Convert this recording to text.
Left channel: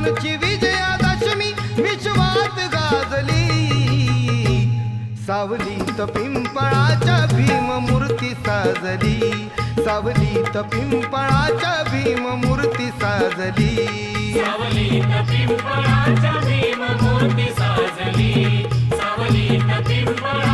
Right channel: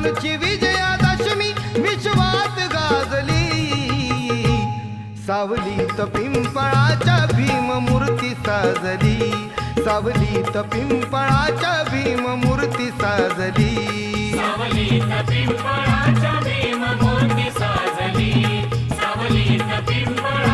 शत्रूंची विजयादशमी विश्वात गाजली. सावलीत पिंपळाच्या भीममूर्ती साजली. सावलीत पिंपळाच्या भीममूर्ती साजली. सावलीत पिंपळाच्या भीममूर्ती साजली. सावलीत पिंपळाच्या